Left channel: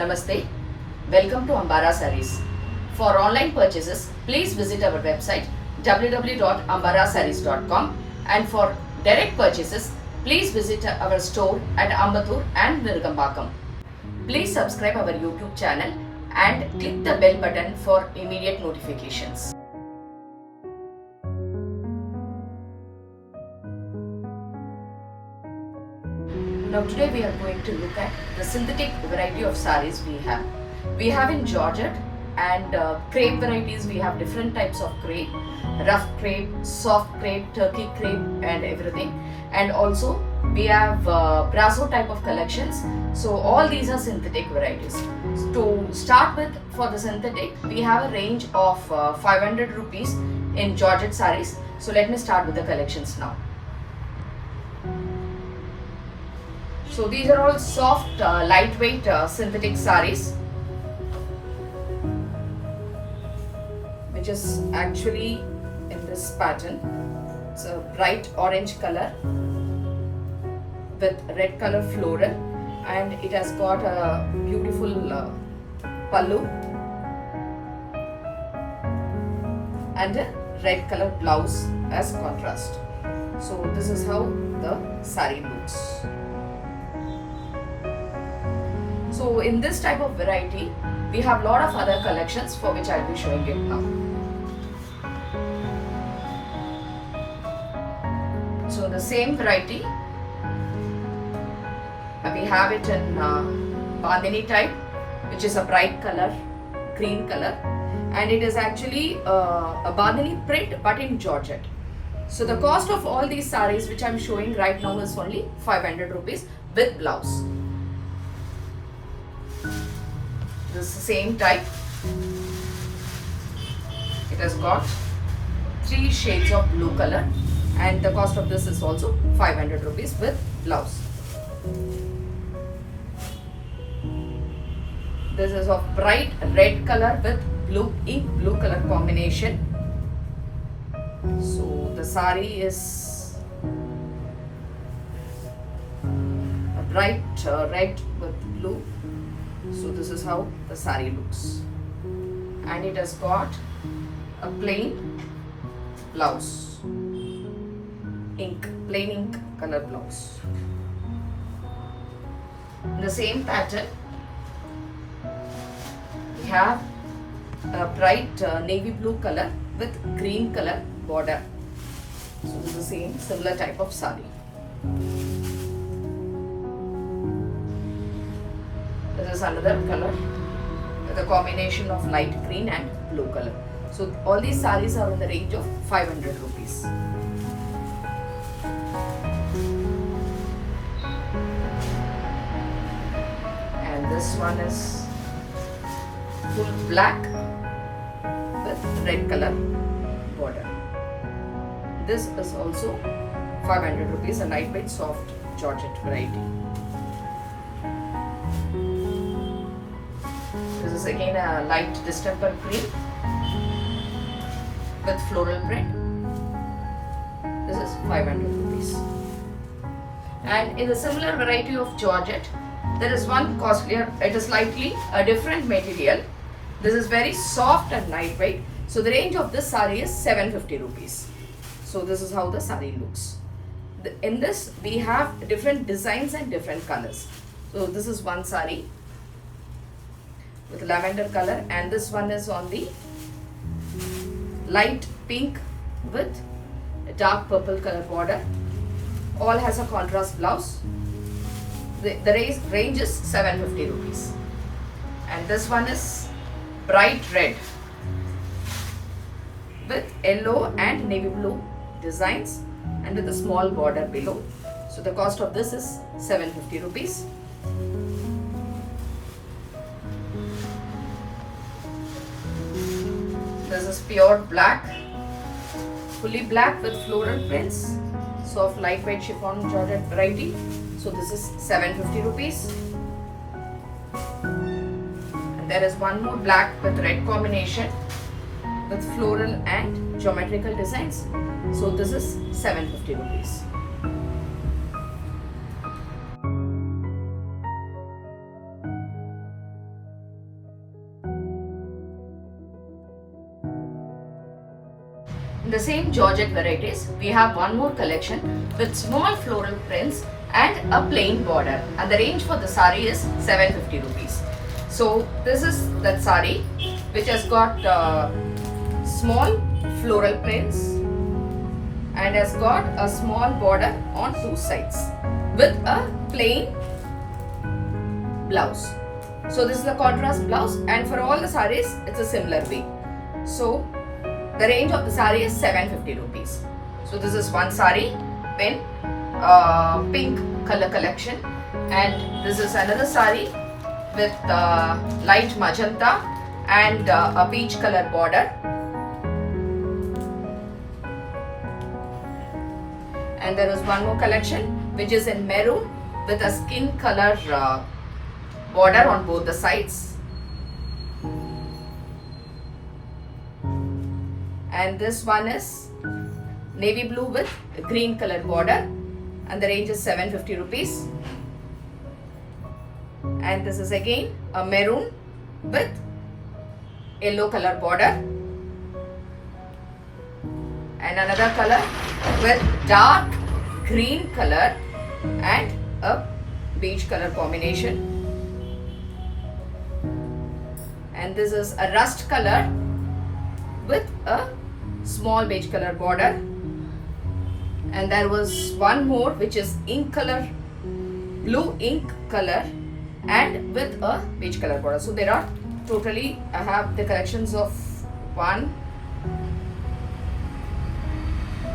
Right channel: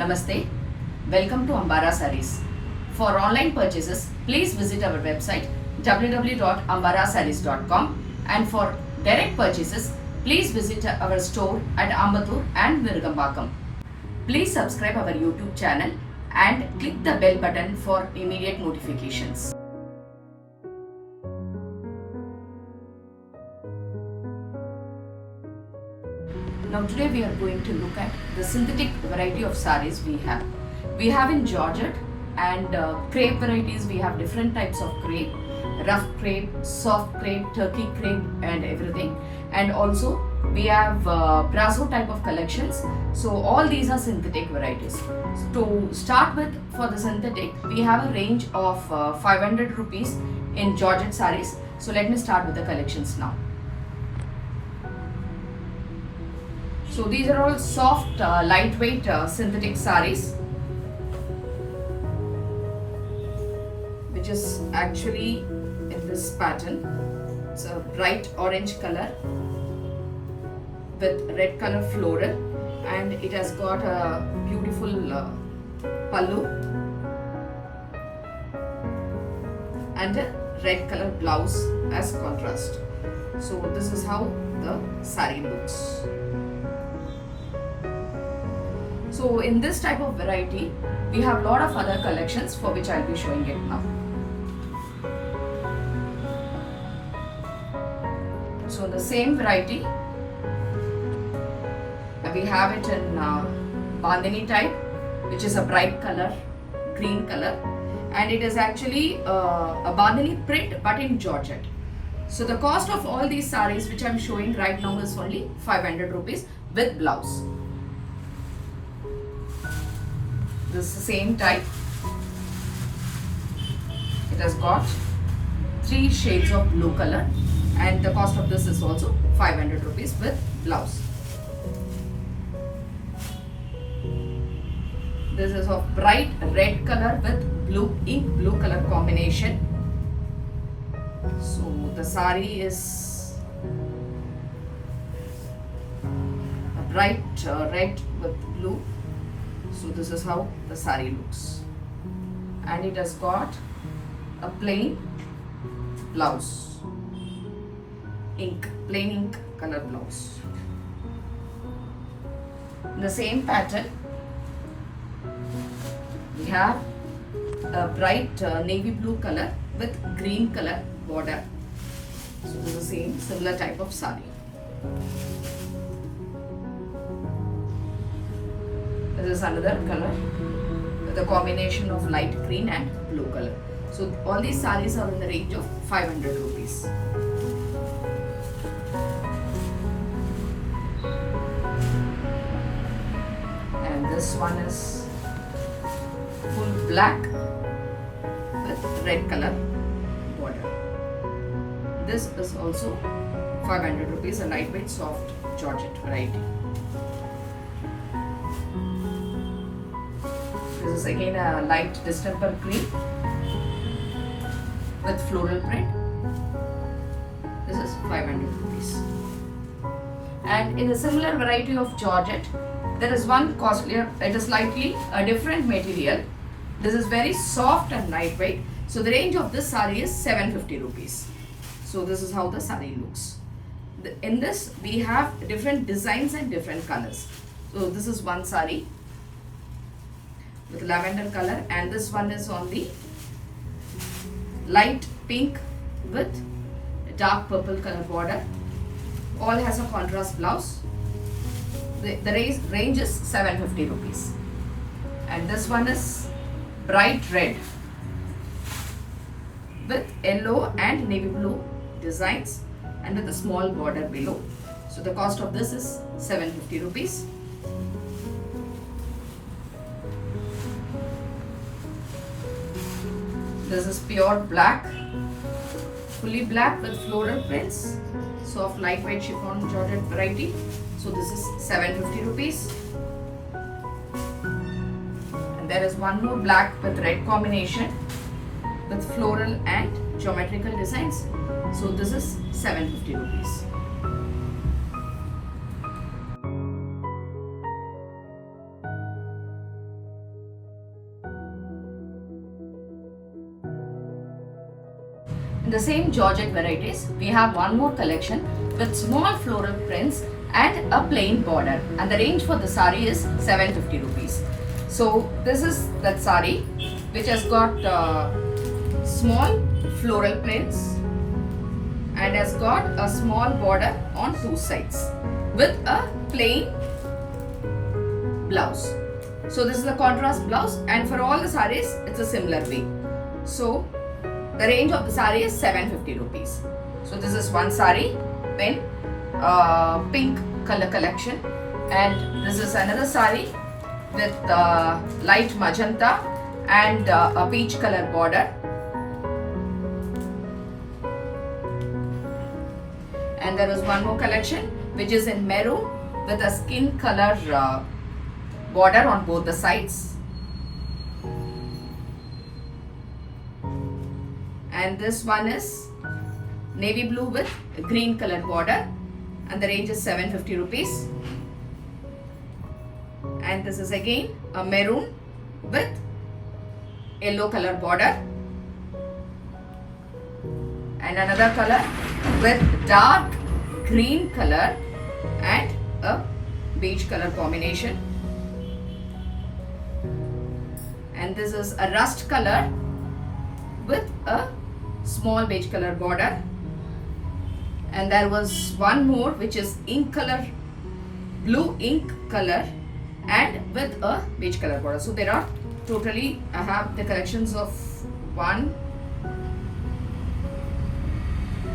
Namaste. Welcome to Ambara Sarees. For online purchases, please visit our website www.ambarasarees.com, and for direct purchases, please visit our store at Ambattur and Nirugambakam. Please subscribe our YouTube channel and click the bell button for immediate notifications. Now today we are going to look at the synthetic variety of sarees we have. We have in Georgette and crepe varieties. We have different types of crepe, rough crepe, soft crepe, turkey crepe and everything. And also we have brasso type of collections. So all these are synthetic varieties. To start with, for the synthetic, we have a range of 500 rupees in Georgette sarees. So let me start with the collections now. So these are all soft, lightweight synthetic sarees, which is actually in this pattern. It's a bright orange color with red color floral, and it has got a beautiful pallu and a red color blouse as contrast. So this is how the saree looks. So in this type of variety, we have lot of other collections for which I'll be showing it now. So the same variety, we have it in Bandhani type, which is a bright color, green color, and it is actually a Bandhani print but in Georgette. So the cost of all these sarees which I'm showing right now is only 500 rupees with blouse. This is the same type. It has got 3 shades of blue color, and the cost of this is also 500 rupees with blouse. This is of bright red color with blue ink blue color combination. So the saree is a bright red with blue. So this is how the saree looks, and it has got a plain blouse, plain ink color blouse. In the same pattern, we have a bright navy blue color with green color border. So this is the same similar type of saree. This is another color with a combination of light green and blue color. So all these sarees are in the range of 500 rupees. And this one is full black with red color border. This is also 500 rupees, a lightweight soft Georgette variety. This is again a light distemper green with floral print. This is 500 rupees. And in a similar variety of Georgette, there is one costlier. It is slightly a different material. This is very soft and lightweight. So the range of this saree is 750 rupees. So this is how the saree looks. In this we have different designs and different colors. So this is one saree with lavender color, and this one is on the light pink with a dark purple color border. All has a contrast blouse. The range is 750 rupees. And this one is bright red with yellow and navy blue designs and with a small border below. So the cost of this is 750 rupees. This is pure black, fully black with floral prints, soft lightweight chiffon Georgette variety. So this is 750 rupees. And there is one more black with red combination with floral and geometrical designs. So this is 750 rupees. In the same Georgette varieties, we have one more collection with small floral prints and a plain border, and the range for the sari is 750 rupees. So this is that sari which has got small floral prints and has got a small border on two sides with a plain blouse. So this is the contrast blouse, and for all the saris it's a similar way. So the range of the sari is 750 rupees. So this is one sari in pink color collection, and this is another sari with light magenta and a peach color border. And there is one more collection which is in maroon with a skin color border on both the sides. And this one is navy blue with green color border, and the range is 750 rupees. And this is again a maroon with yellow color border, and another color with dark green color and a beige color combination. And this is a rust color with a small beige color border. And there was one more which is ink color, blue ink color, and with a beige color border. So there are totally, I have the collections of 1,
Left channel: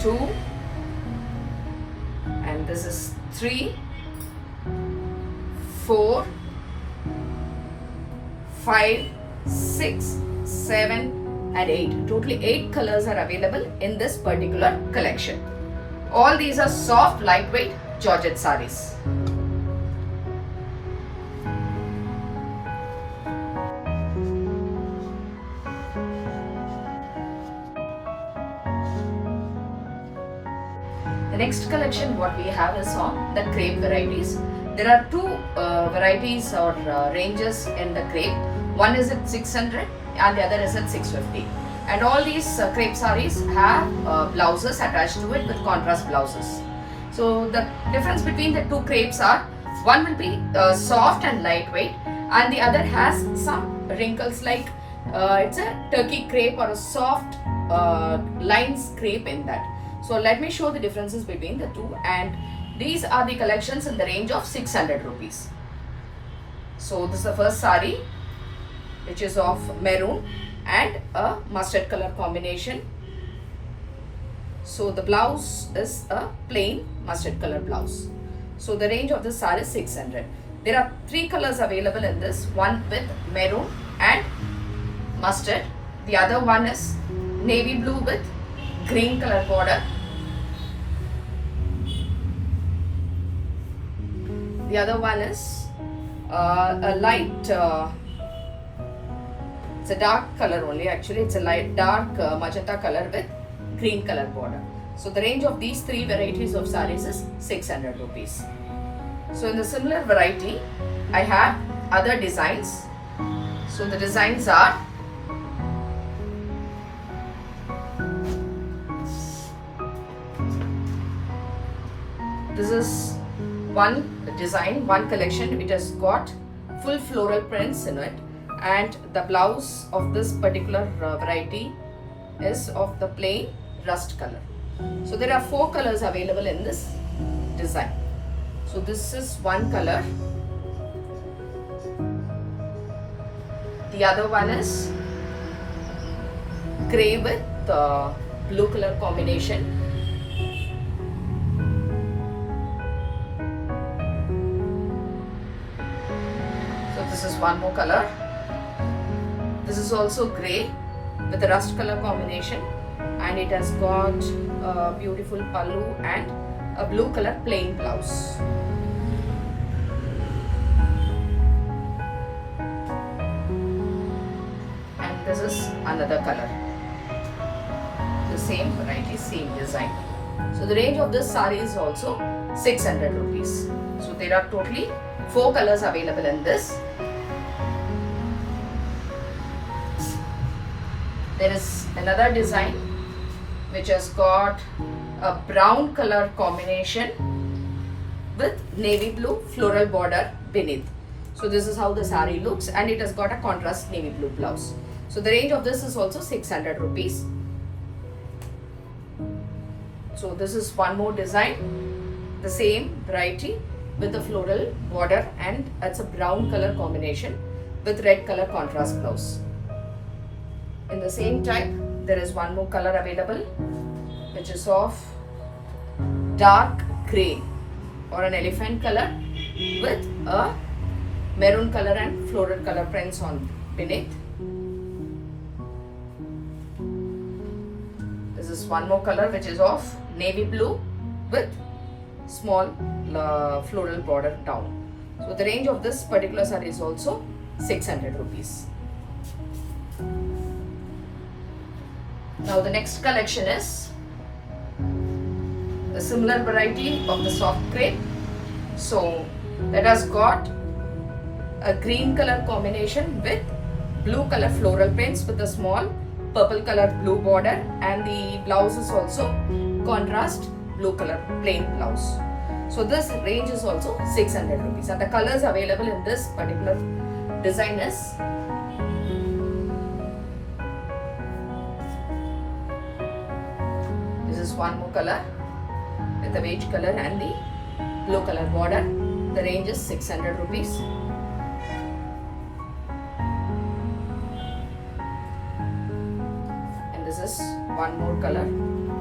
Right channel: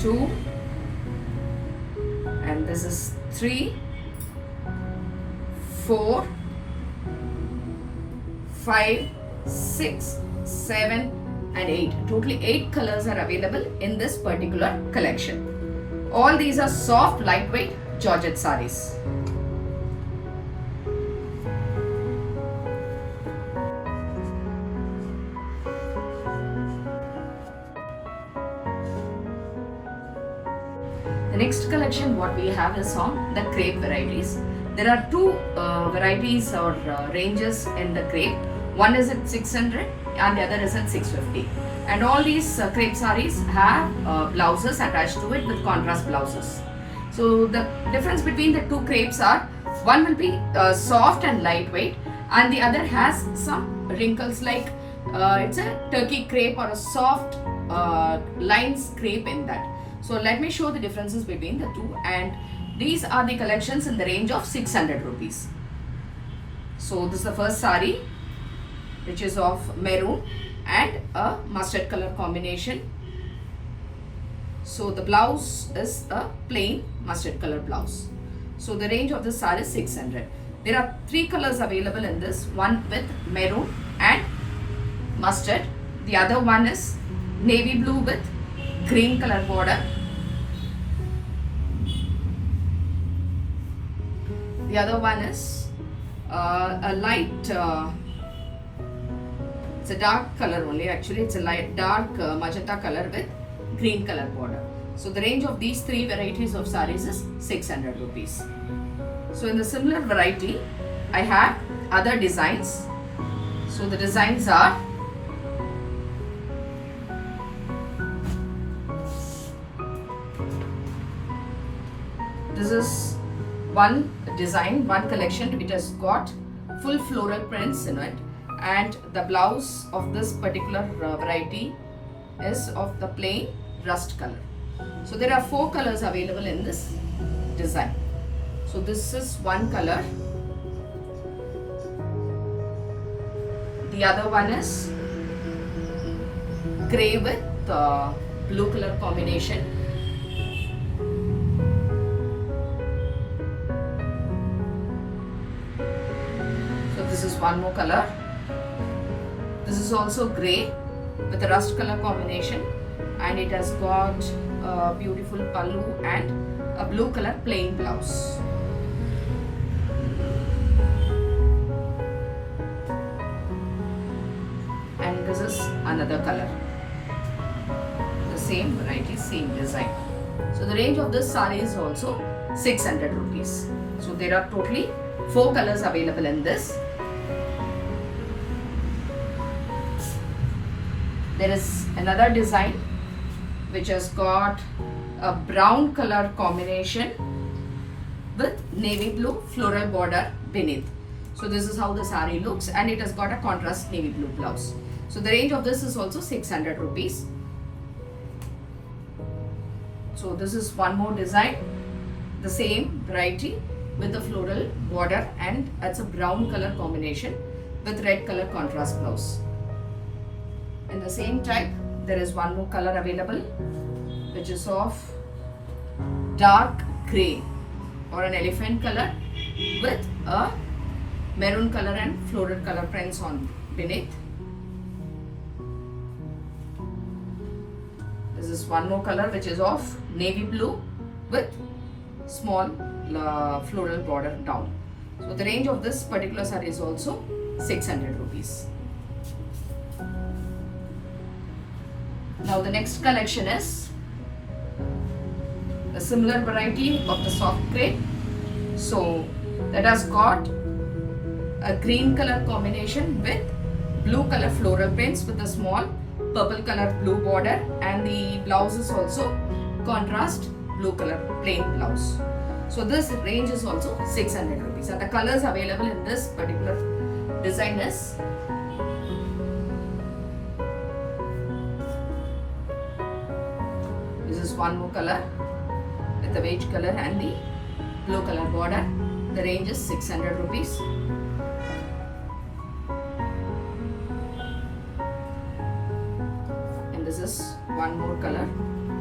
2, and this is 3, 4, 5, 6, 7 and 8. Totally 8 colors are available in this particular collection. All these are soft, lightweight Georgette sarees. The next collection what we have is on the crepe varieties. There are two varieties or ranges in the crepe. One is at 600 and the other is at 650. And all these crepe sarees have blouses attached to it with contrast blouses. So the difference between the two crepes are, one will be soft and lightweight, and the other has some wrinkles, like it's a turkey crepe or a soft lines crepe in that. So let me show the differences between the two, and these are the collections in the range of 600 rupees. So this is the first saree, which is of maroon and a mustard color combination. So the blouse is a plain mustard color blouse. So the range of this saree is 600. There are 3 colors available in this, one with maroon and mustard. The other one is navy blue with green color border. The other one is a light, it's a dark color only, actually it's a light dark magenta color with green color border. So the range of these 3 varieties of sarees is 600 rupees. So in the similar variety, I have other designs. So the designs are this is one design, one collection. It has got full floral prints in it, and the blouse of this particular variety is of the plain rust color. So there are 4 colors available in this design. So this is one color. The other one is grey with blue color combination. So this is one more color. This is also grey with a rust color combination, and it has got a beautiful pallu and a blue color plain blouse. And this is another color. The same variety, same design. So the range of this saree is also 600 rupees. So there are totally 4 colors available in this. There is another design which has got a brown color combination with navy blue floral border beneath. So this is how the saree looks, and it has got a contrast navy blue blouse. So the range of this is also 600 rupees. So this is one more design, the same variety with the floral border, and it's a brown color combination with red color contrast blouse. In the same type, there is one more color available, which is of dark grey or an elephant color with a maroon color and floral color prints on beneath. This is one more color, which is of navy blue with small floral border down. So the range of this particular saree is also 600 rupees. Now the next collection is a similar variety of the soft crepe. So that has got a green color combination with blue color floral prints with a small purple color blue border, and the blouse is also contrast blue color plain blouse. So this range is also 600 rupees, and the colors available in this particular design is this is one more color with the beige color and the blue color border. The range is 600 rupees. And this is one more color.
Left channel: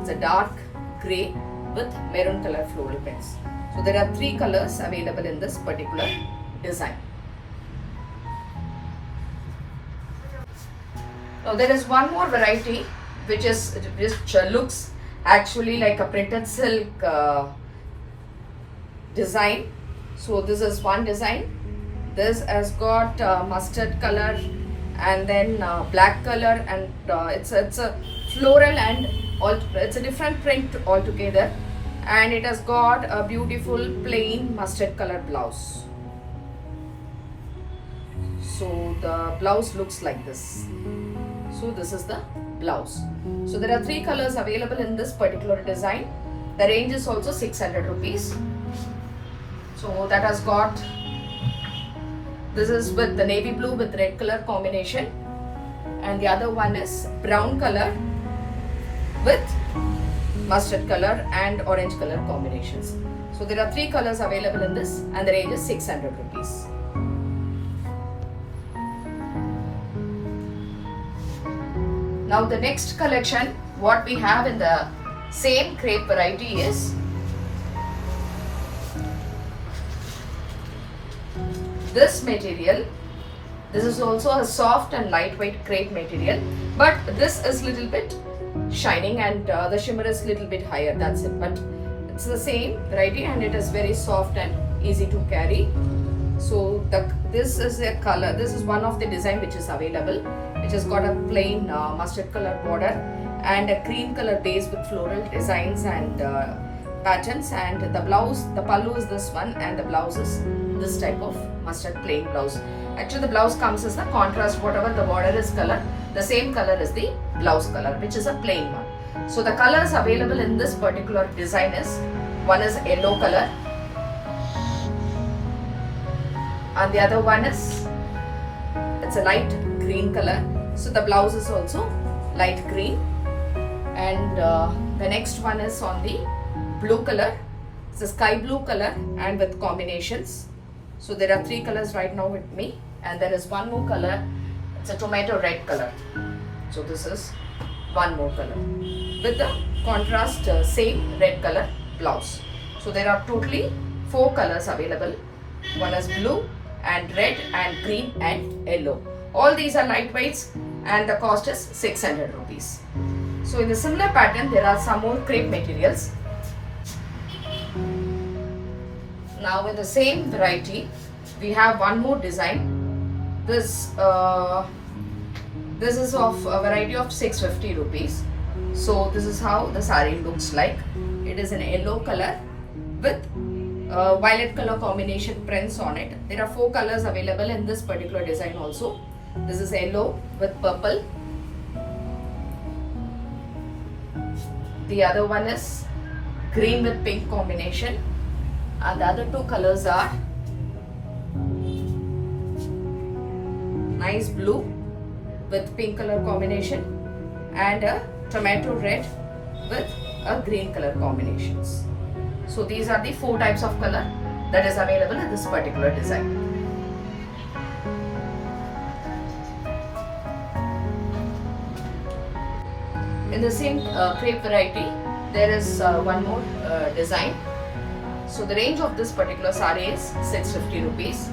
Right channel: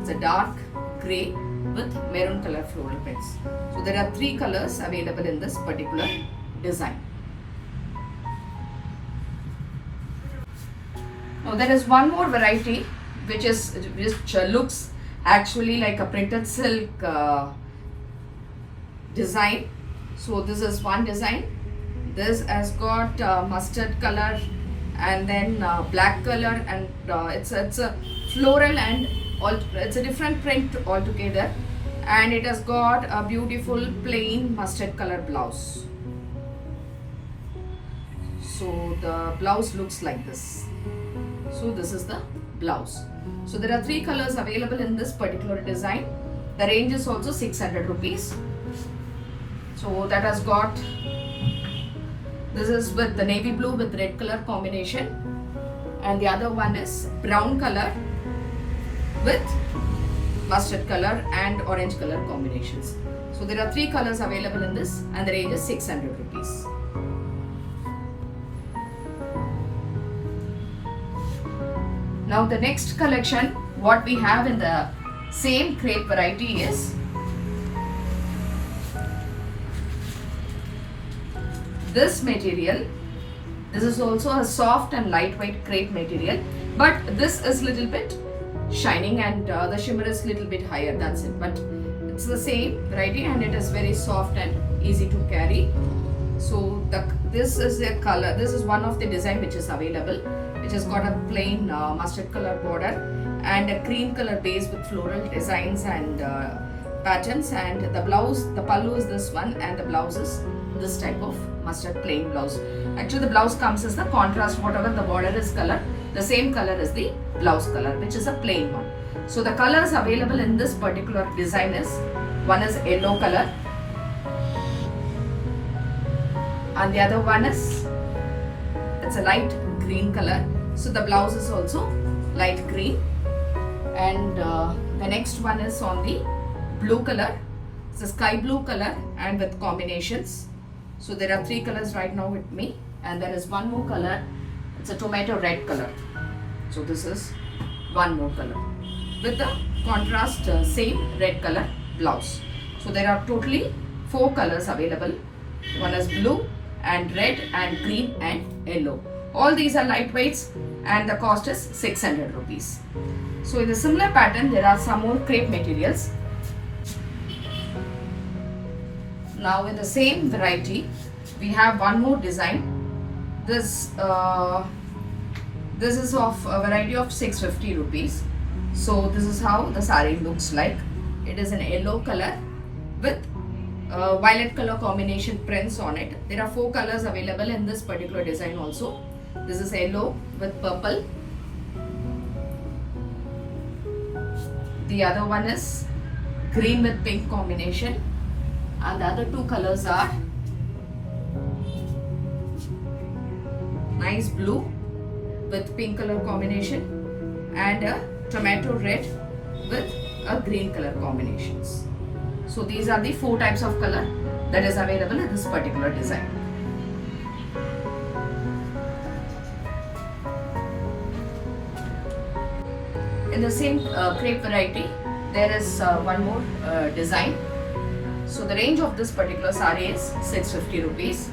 It's a dark grey with maroon color floral prints. So there are 3 colors available in this particular design. Now there is one more variety which looks actually like a printed silk design. So this is one design. This has got mustard color and then black color, and it's a floral and it's a different print altogether, and it has got a beautiful plain mustard color blouse. So the blouse looks like this. So this is the blouse. So there are 3 colors available in this particular design. The range is also 600 rupees. So that has got, this is with the navy blue with red color combination, and the other one is brown color with mustard color and orange color combinations. So there are 3 colors available in this, and the range is 600 rupees. Now the next collection, what we have in the same crepe variety is this material. This is also a soft and lightweight crepe material, but this is little bit shining and the shimmer is little bit higher, that's it. But it's the same variety and it is very soft and easy to carry. So this is a color, this is one of the design which is available, which has got a plain mustard color border and a cream color base with floral designs and patterns, and the blouse, the pallu is this one, and the blouse is this type of mustard plain blouse. Actually the blouse comes as the contrast, whatever the border is color, the same color is the blouse color, which is a plain one. So the colors available in this particular design is, one is yellow color and the other one is, it's a light green color. So the blouse is also light green, and the next one is on the blue color. It's a sky blue color and with combinations. So there are 3 colors right now with me, and there is one more color. It's a tomato red color. So this is one more color with the contrast same red color blouse. So there are totally 4 colors available. One is blue and red and green and yellow. All these are lightweights and the cost is 600 rupees. So in a similar pattern, there are some more crepe materials. Now in the same variety, we have one more design. This is of a variety of 650 rupees. So this is how the saree looks like. It is an yellow color with violet color combination prints on it. There are 4 colors available in this particular design also. This is yellow with purple. The other one is green with pink combination, and the other two colors are nice blue with pink color combination and a tomato red with a green color combinations. So these are the 4 types of color that is available in this particular design. In the same crepe variety, there is one more design. So the range of this particular saree is 650 rupees.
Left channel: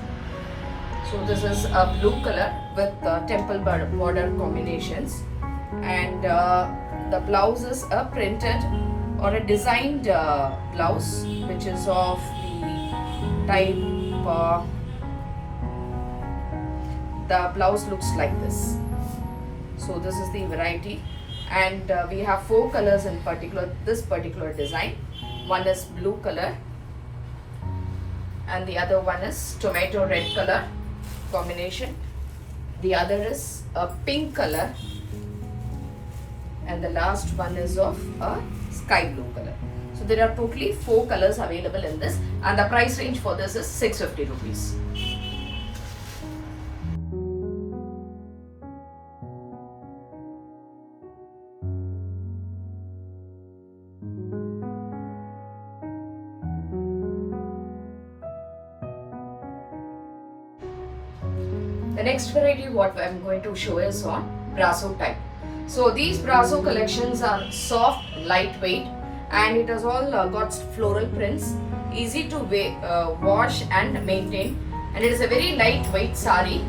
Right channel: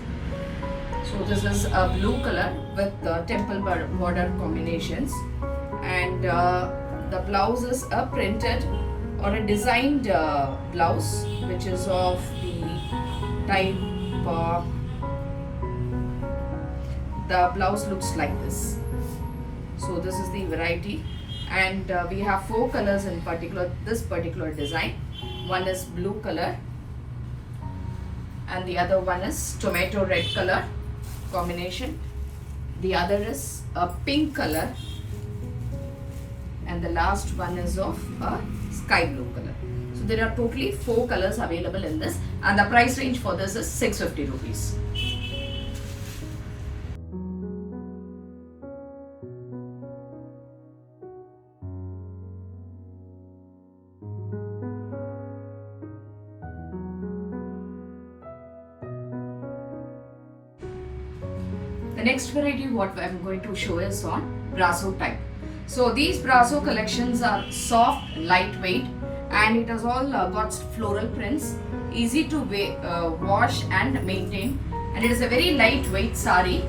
So this is a blue color with temple border combinations, and the blouse is a printed or a designed blouse, which is of the type the blouse looks like this. So this is the variety, and we have 4 colors in this particular design. One is blue color, and the other one is tomato red color combination. The other is a pink color, and the last one is of a sky blue color. So there are totally 4 colors available in this, and the price range for this is 650 rupees. The next variety what I am going to show is on brasso type. So these brasso collections are soft, lightweight, and it has all got floral prints, easy to wash and maintain, and it is a very lightweight sari,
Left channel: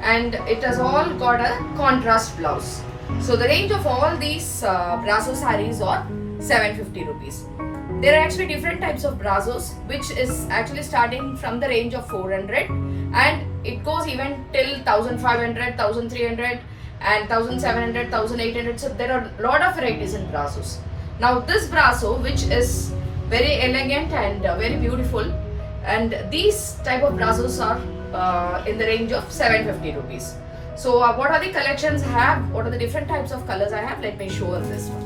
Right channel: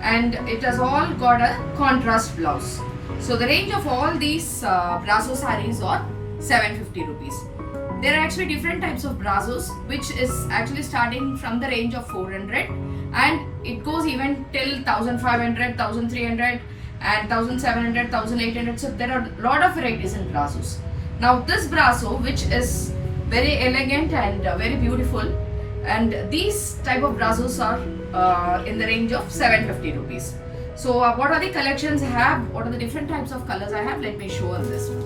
and it has all got a contrast blouse. So the range of all these brasso saris are 750 rupees. There are actually different types of brazos, which is actually starting from the range of 400, and it goes even till 1500, 1300 and 1700, 1800. So there are a lot of varieties in brazos. Now this brasso, which is very elegant and very beautiful, and these type of brazos are in the range of 750 rupees. So what are the collections I have? What are the different types of colors I have? Let me show on this one.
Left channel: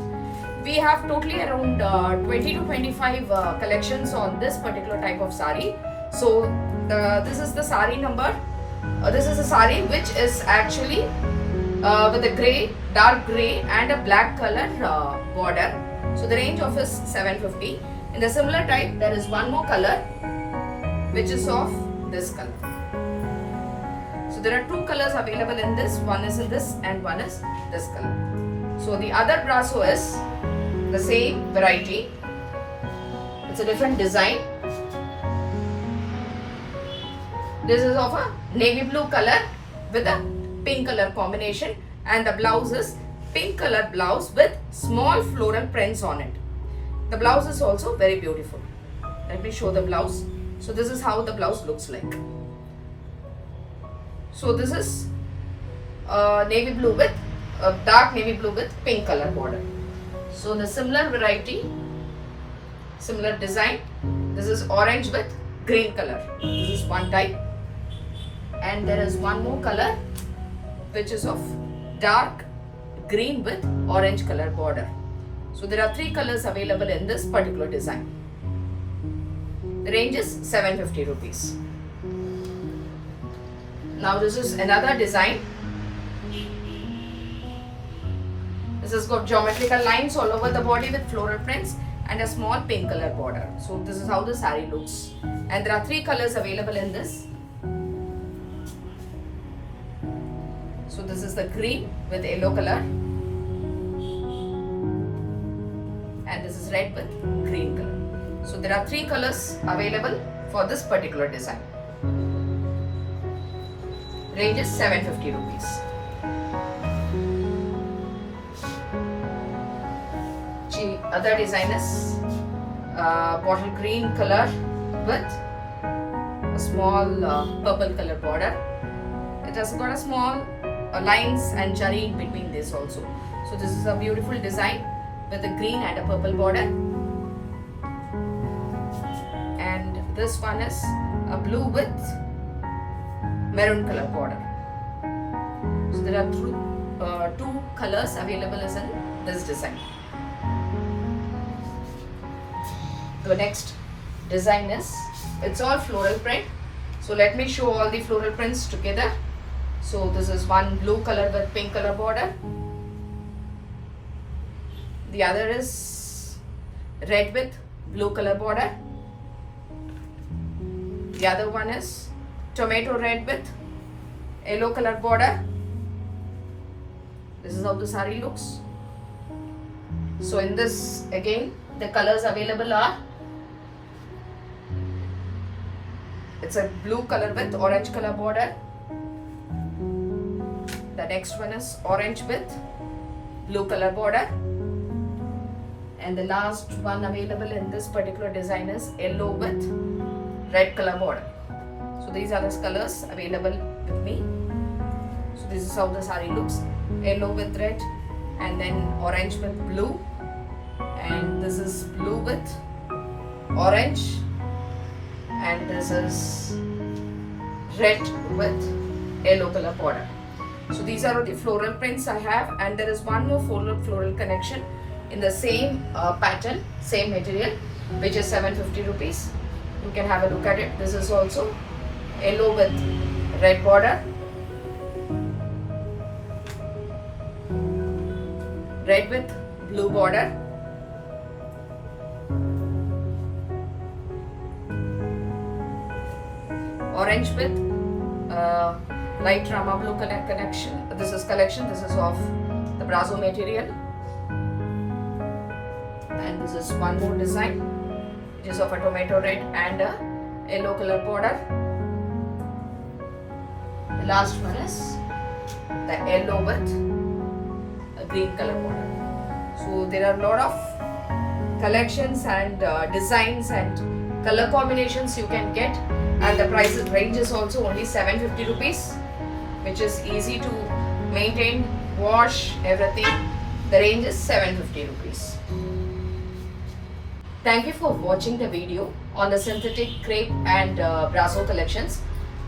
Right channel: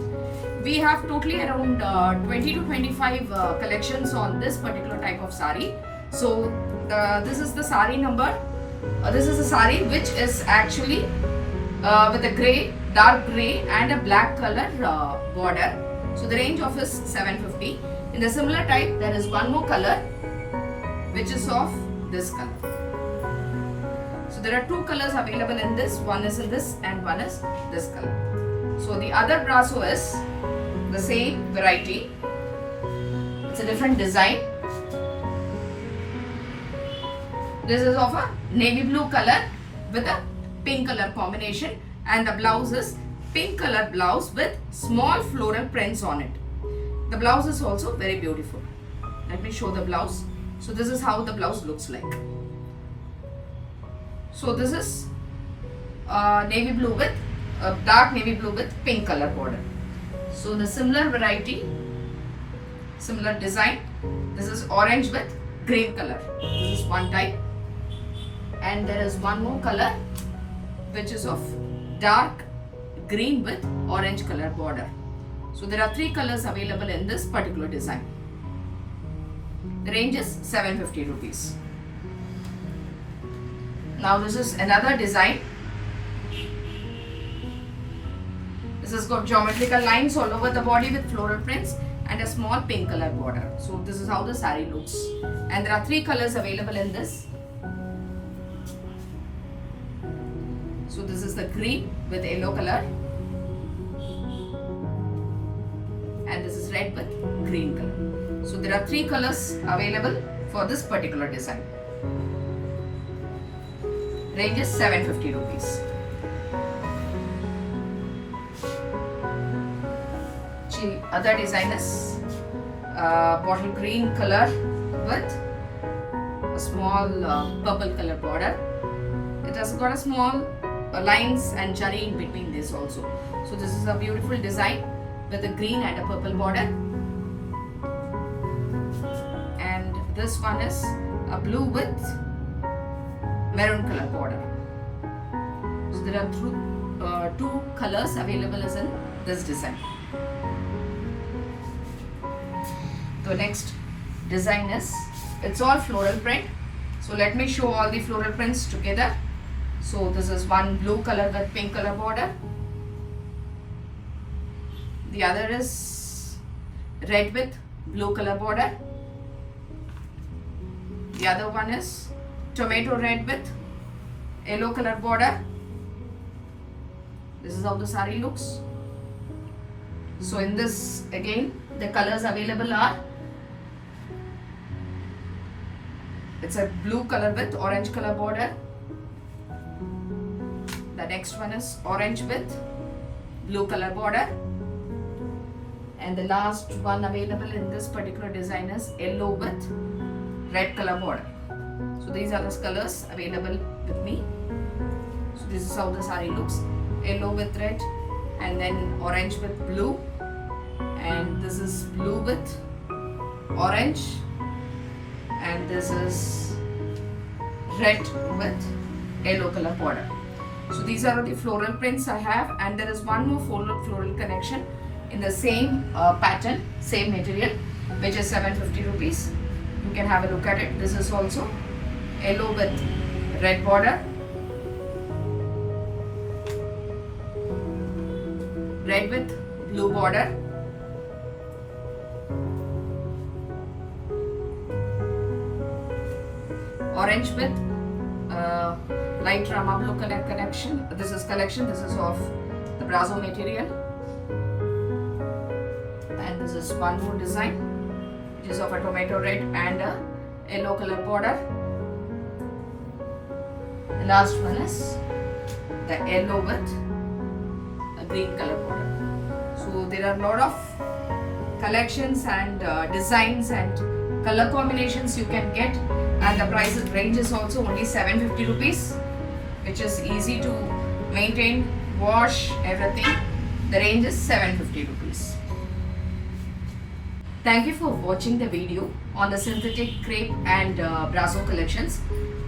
We have totally around 20 to 25 collections on this particular type of sari. So this is the sari number. This is a sari which is actually with a grey, dark grey and a black color border. So the range of is 750. In the similar type, there is one more color which is of this color. So there are 2 colors available in this. One is in this and one is this color. So the other brasso is the same variety. It's a different design. This is of a navy blue color with a pink color combination, and the blouse is pink color blouse with small floral prints on it. The blouse is also very beautiful. Let me show the blouse. So this is how the blouse looks like. So this is navy blue with dark navy blue with pink color border. So the similar variety, similar design. This is orange with green color. This is one type. And there is one more color which is of dark green with orange color border. So there are 3 colors available in this particular design. The range is 750 rupees. Now this is another design. This has got geometrical lines all over the body with floral prints and a small pink color border. So this is how the saree looks. And there are 3 colors available in this. So this is the green with yellow color, and this is red with green color. So there are 3 colors available for this particular design. Range is 750 rupees. The other design is bottle green color with a small purple color border. It has got a small lines and jari in between this also. So this is a beautiful design with a green and a purple border. And this one is a blue with maroon color border. So there are 2 colors available as in this design. the next design is, it's all floral print. So let me show all the floral prints together. So this is one blue color with pink color border. The other is red with blue color border. The other one is tomato red with yellow color border. This is how the saree looks. So in this, again, the colors available are, it's a blue color with orange color border. The next one is orange with blue color border. And the last one available in this particular design is yellow with red color border. So these are the colors available with me. So this is how the saree looks. Yellow with red, and then orange with blue, and this is blue with orange, and this is red with yellow color border. So these are the floral prints I have, and there is one more floral connection in the same pattern, same material, which is 750 rupees. You can have a look at it. This is also yellow with red border, red with blue border, orange with light Rama blue connection. This is collection. This is of the Brasso material. And this is one more design, which is of a tomato red and a yellow color border. The last one is the yellow with a green color border. So there are a lot of collections and designs and color combinations you can get, and the price range is also only 750 rupees, which is easy to maintain, wash, everything. The range is 750 rupees. Thank you for watching the video on the synthetic crepe and Brasso collections.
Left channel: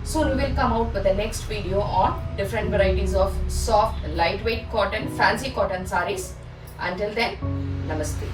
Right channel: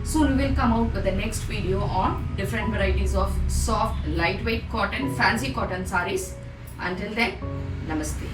Soon we will come out with the next video on different varieties of soft, lightweight cotton, fancy cotton sarees. Until then, namaste.